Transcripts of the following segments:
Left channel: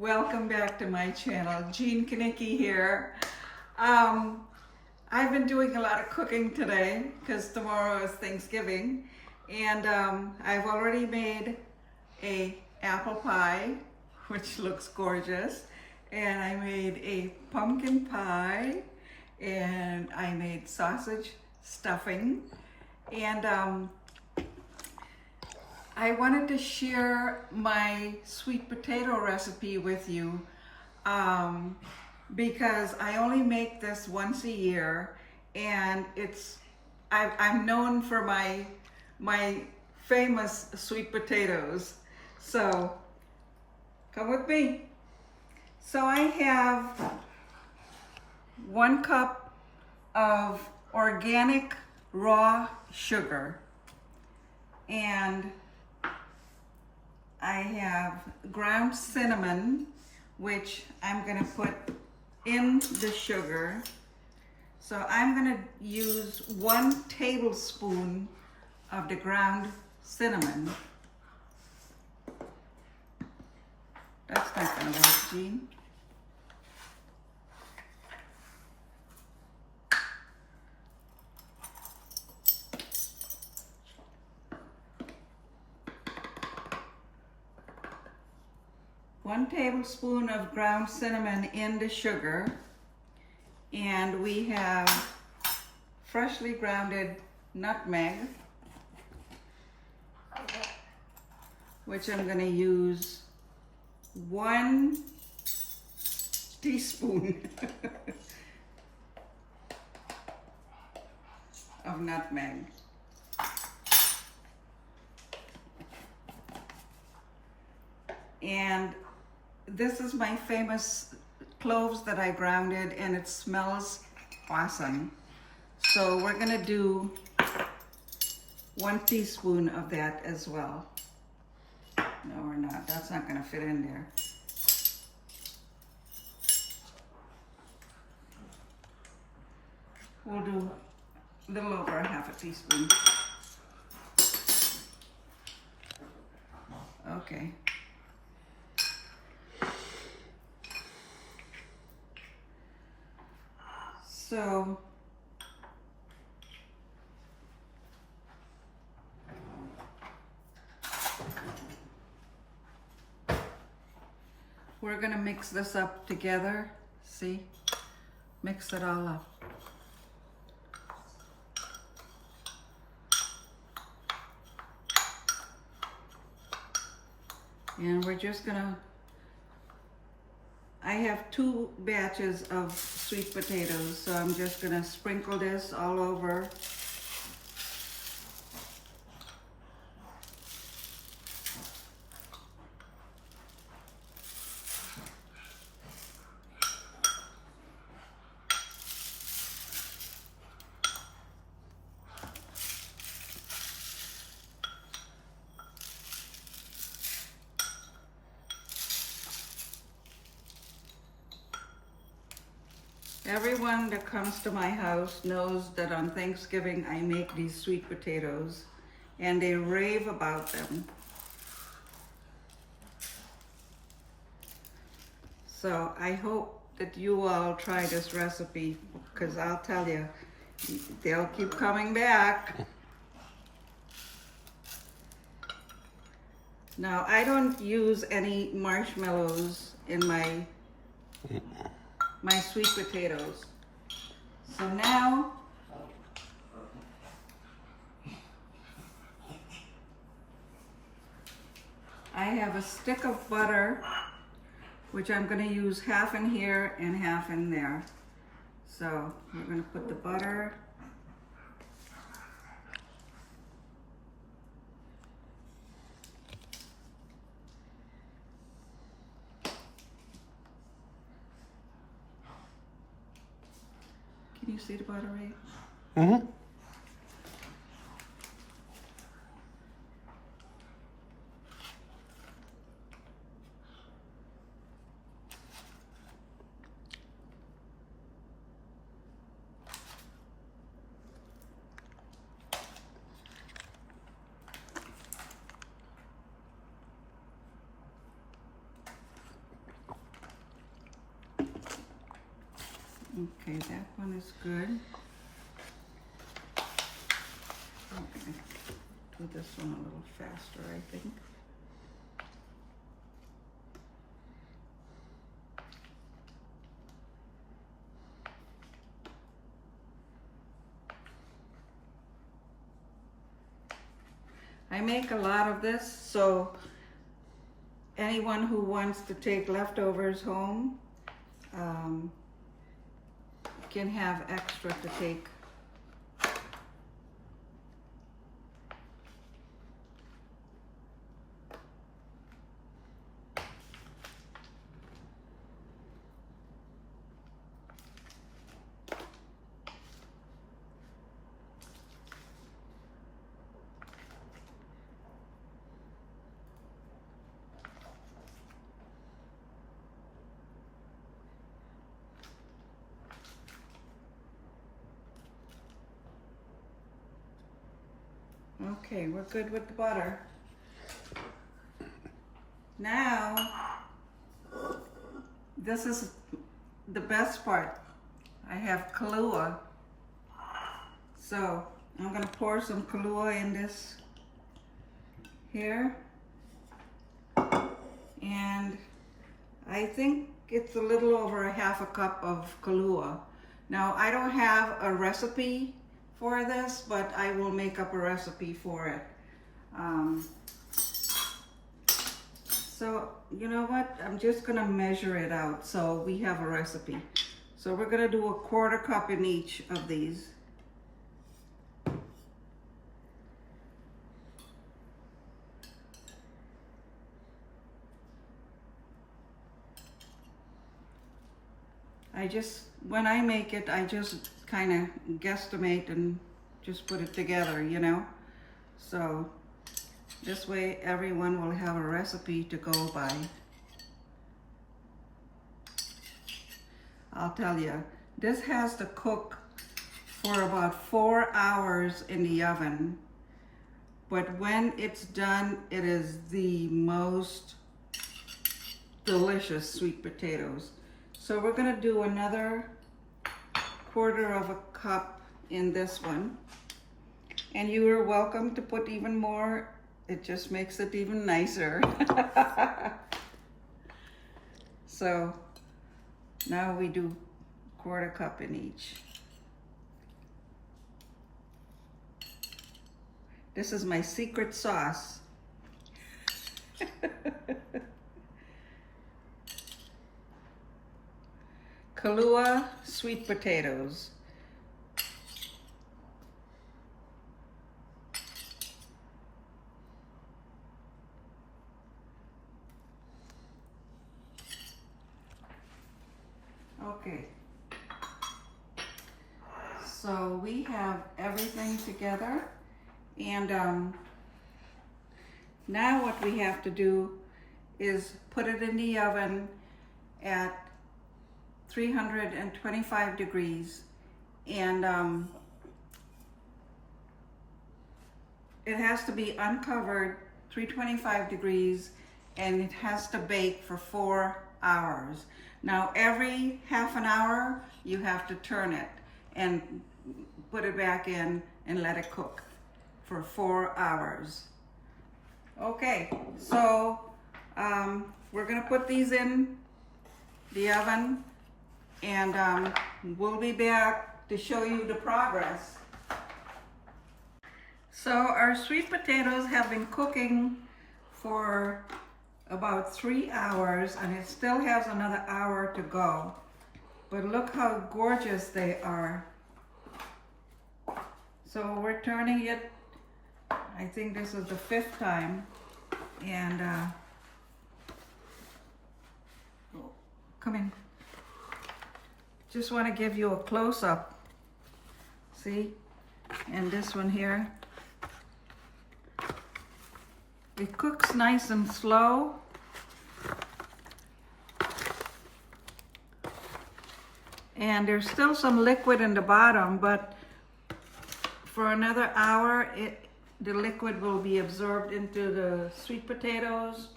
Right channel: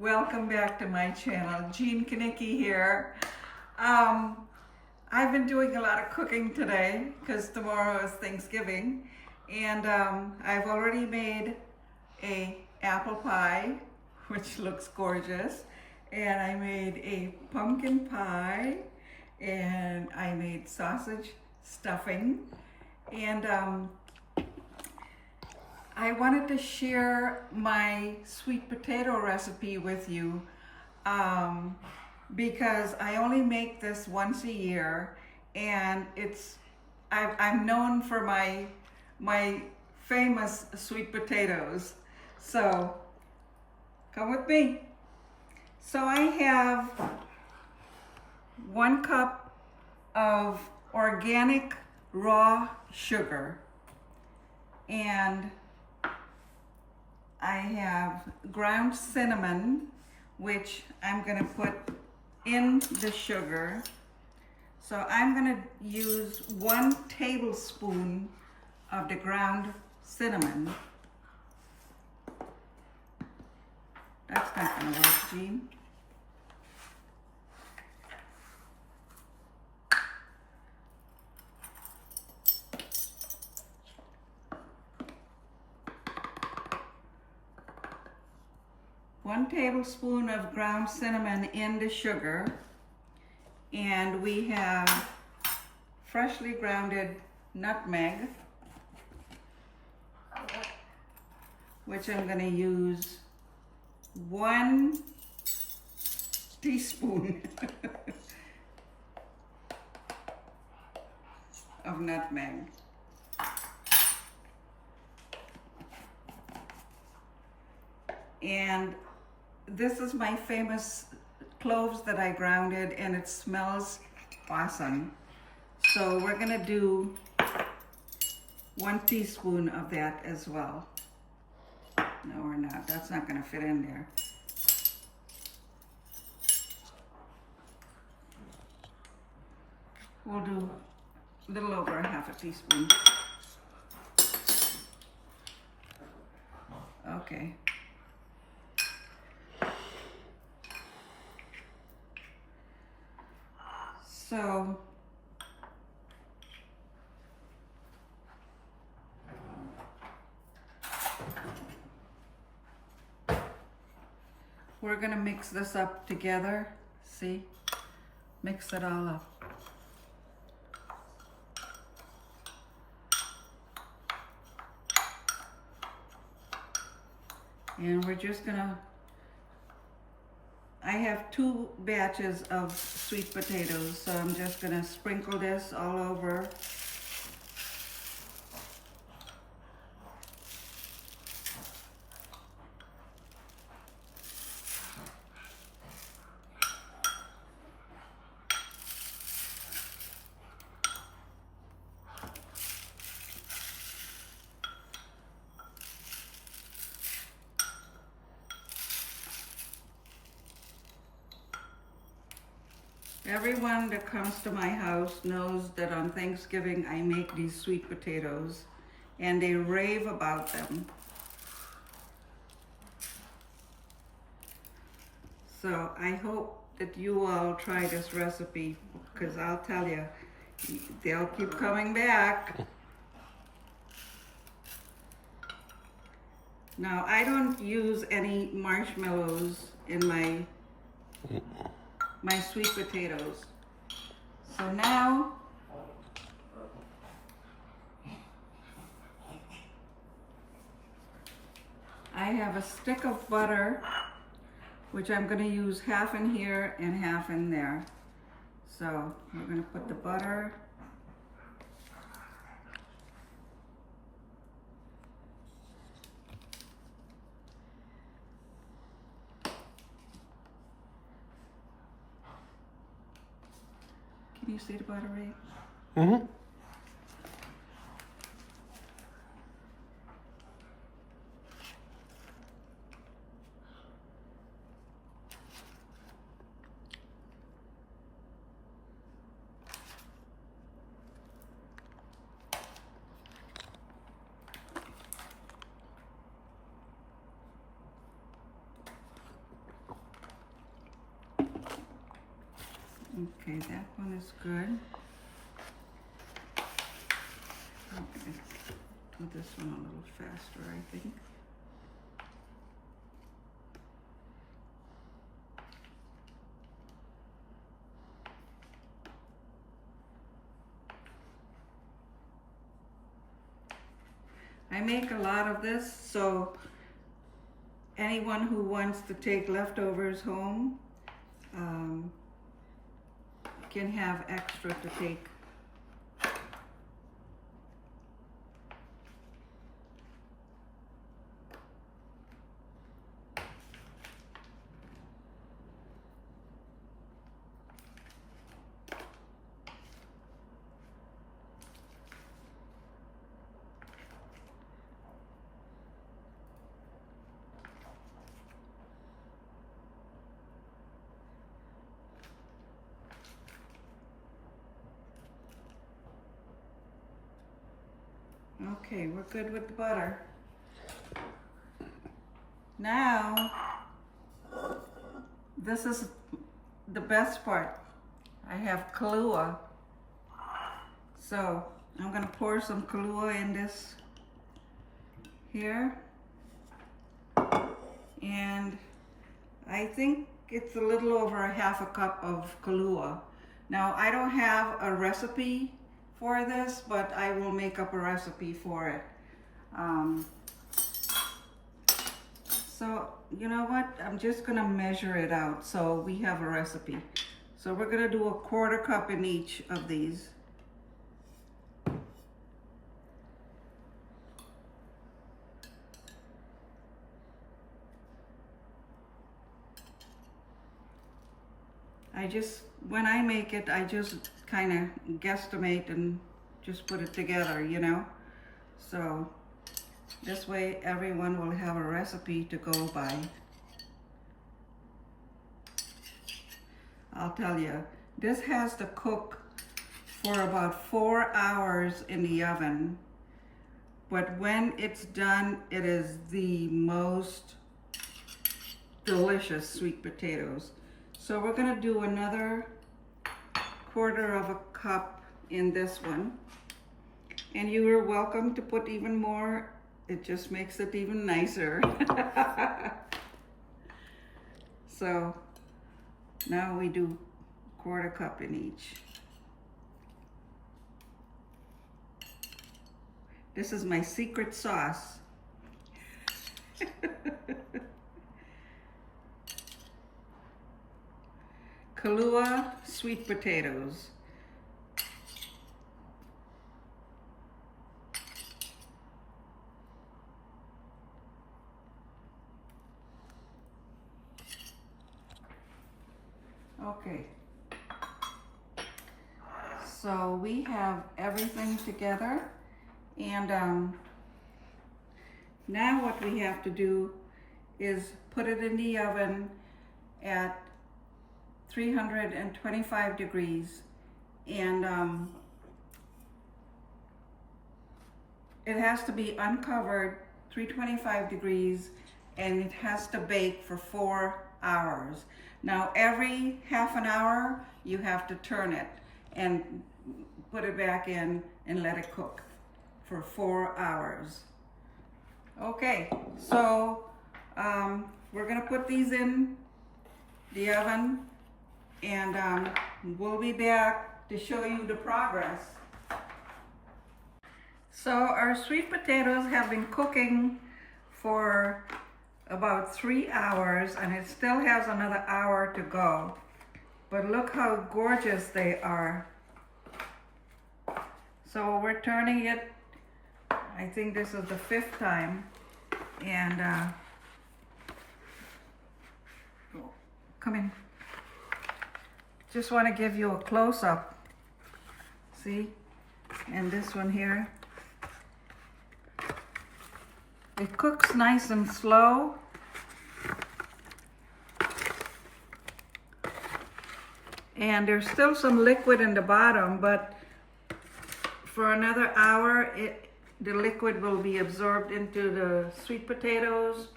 Welcome back to my channel. Jean Kanicki here. I've been doing a lot of cooking today because tomorrow is Thanksgiving, and I've already made a apple pie, which looks gorgeous, and I made a pumpkin pie, and I made sausage stuffing, and I wanted to share my sweet potato recipe with you because I only make this once a year, and I'm known for my famous sweet potatoes. So come with me. So I have 1 cup of organic raw sugar, and I have ground cinnamon, which I'm gonna put in the sugar. So I'm gonna use 1 tablespoon of the ground cinnamon. That's not gonna work, Jean. One tablespoon of ground cinnamon in the sugar, and we have freshly grounded nutmeg, which I'm going to use 1 teaspoon of nutmeg. And this is my famous cloves that I grounded, and it smells awesome. So we're gonna do 1 teaspoon of that as well. No, we're not. That's not gonna fit in there. We'll do a little over a 1/2 teaspoon. Okay. So we're gonna mix this up together. See? Mix it all up. And we're just gonna, I have 2 batches of sweet potatoes, so I'm just gonna sprinkle this all over. Everyone that comes to my house knows that on Thanksgiving I make these sweet potatoes, and they rave about them. So I hope that you all try this recipe, because I'll tell you, they'll keep coming back. Now, I don't use any marshmallows in my sweet potatoes. So now I have a stick of butter, which I'm going to use 1/2 in here and 1/2 in there. So we're going to put the butter. Can you see the butter, right? Mm-hmm. Okay, that one is good. I'm gonna do this one a little faster, I think. I make a lot of this, so anyone who wants to take leftovers home can have extra to take. Okay, we're good with the butter. Now, this is the best part. I have Kahlua. So, I'm gonna pour some Kahlua in this here. And I think it's a little over a half a cup of Kahlua. Now, I don't have a recipe for this, but I will make up a recipe for it. So you know what? I'm just gonna measure it out so we have a recipe. So we're gonna do a 1/4 cup in each of these. When I make it, I just kind of guesstimate and just put it together, you know? So this way everyone will have a recipe to go by. I'll tell you, this has to cook for about 4 hours in the oven. But when it's done, it is the most delicious sweet potatoes. So we're gonna do another 1/4 cup in this one. And you are welcome to put even more. It just makes it even nicer. So now we do 1/4 cup in each. This is my secret sauce. Kahlua sweet potatoes. Okay. So we have everything together, and now what we have to do is put it in the oven at 325 degrees, and it has to be uncovered, 325 degrees, and it has to bake for 4 hours. Now every half an hour you have to turn it and put it back in and let it cook for 4 hours. Okay, so we're gonna put these in the oven, and we'll be back to show you the progress. So our sweet potatoes have been cooking for about 3 hours, and it still has another hour to go. But look how gorgeous they are. So we're turning it, I think this is the 5th time, and come in. Just want to give you a close-up. See? And this one here. It cooks nice and slow. And there's still some liquid in the bottom, but for another hour, the liquid will be absorbed into the sweet potatoes.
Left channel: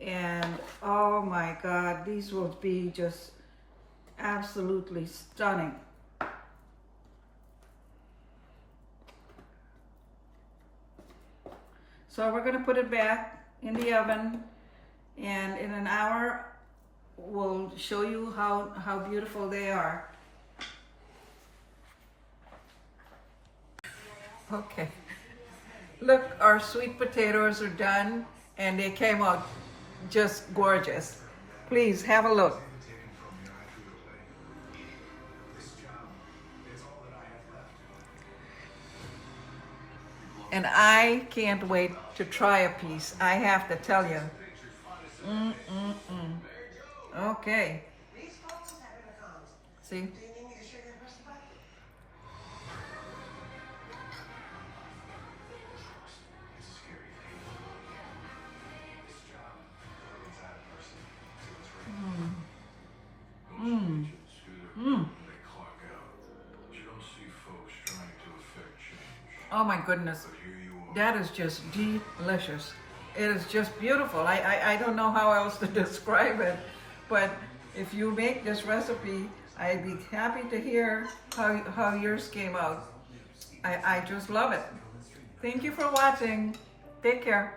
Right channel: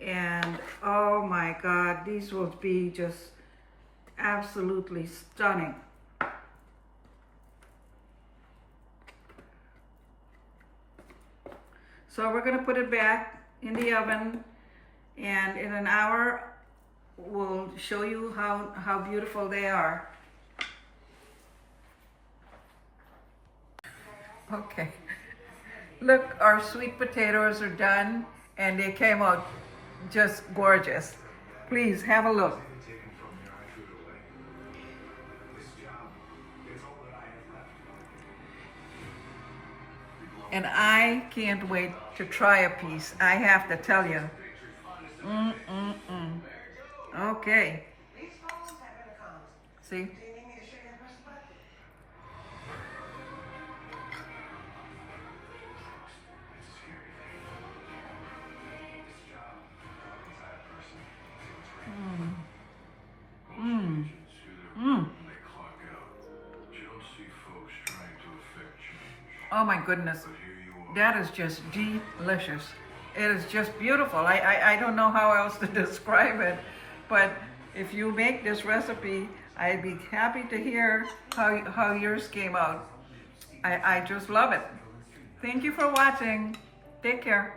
And oh my God, these will be just absolutely stunning. So we're going to put it back in the oven, and in an hour we'll show you how beautiful they are. Okay, look, our sweet potatoes are done and they came out just gorgeous. Please have a look. And I can't wait to try a piece, I have to tell you. Okay. See? Oh my goodness, that is just delicious. It is just beautiful. I don't know how else to describe it, but if you make this recipe, I'd be happy to hear how yours came out. I just love it. Thank you for watching. Take care.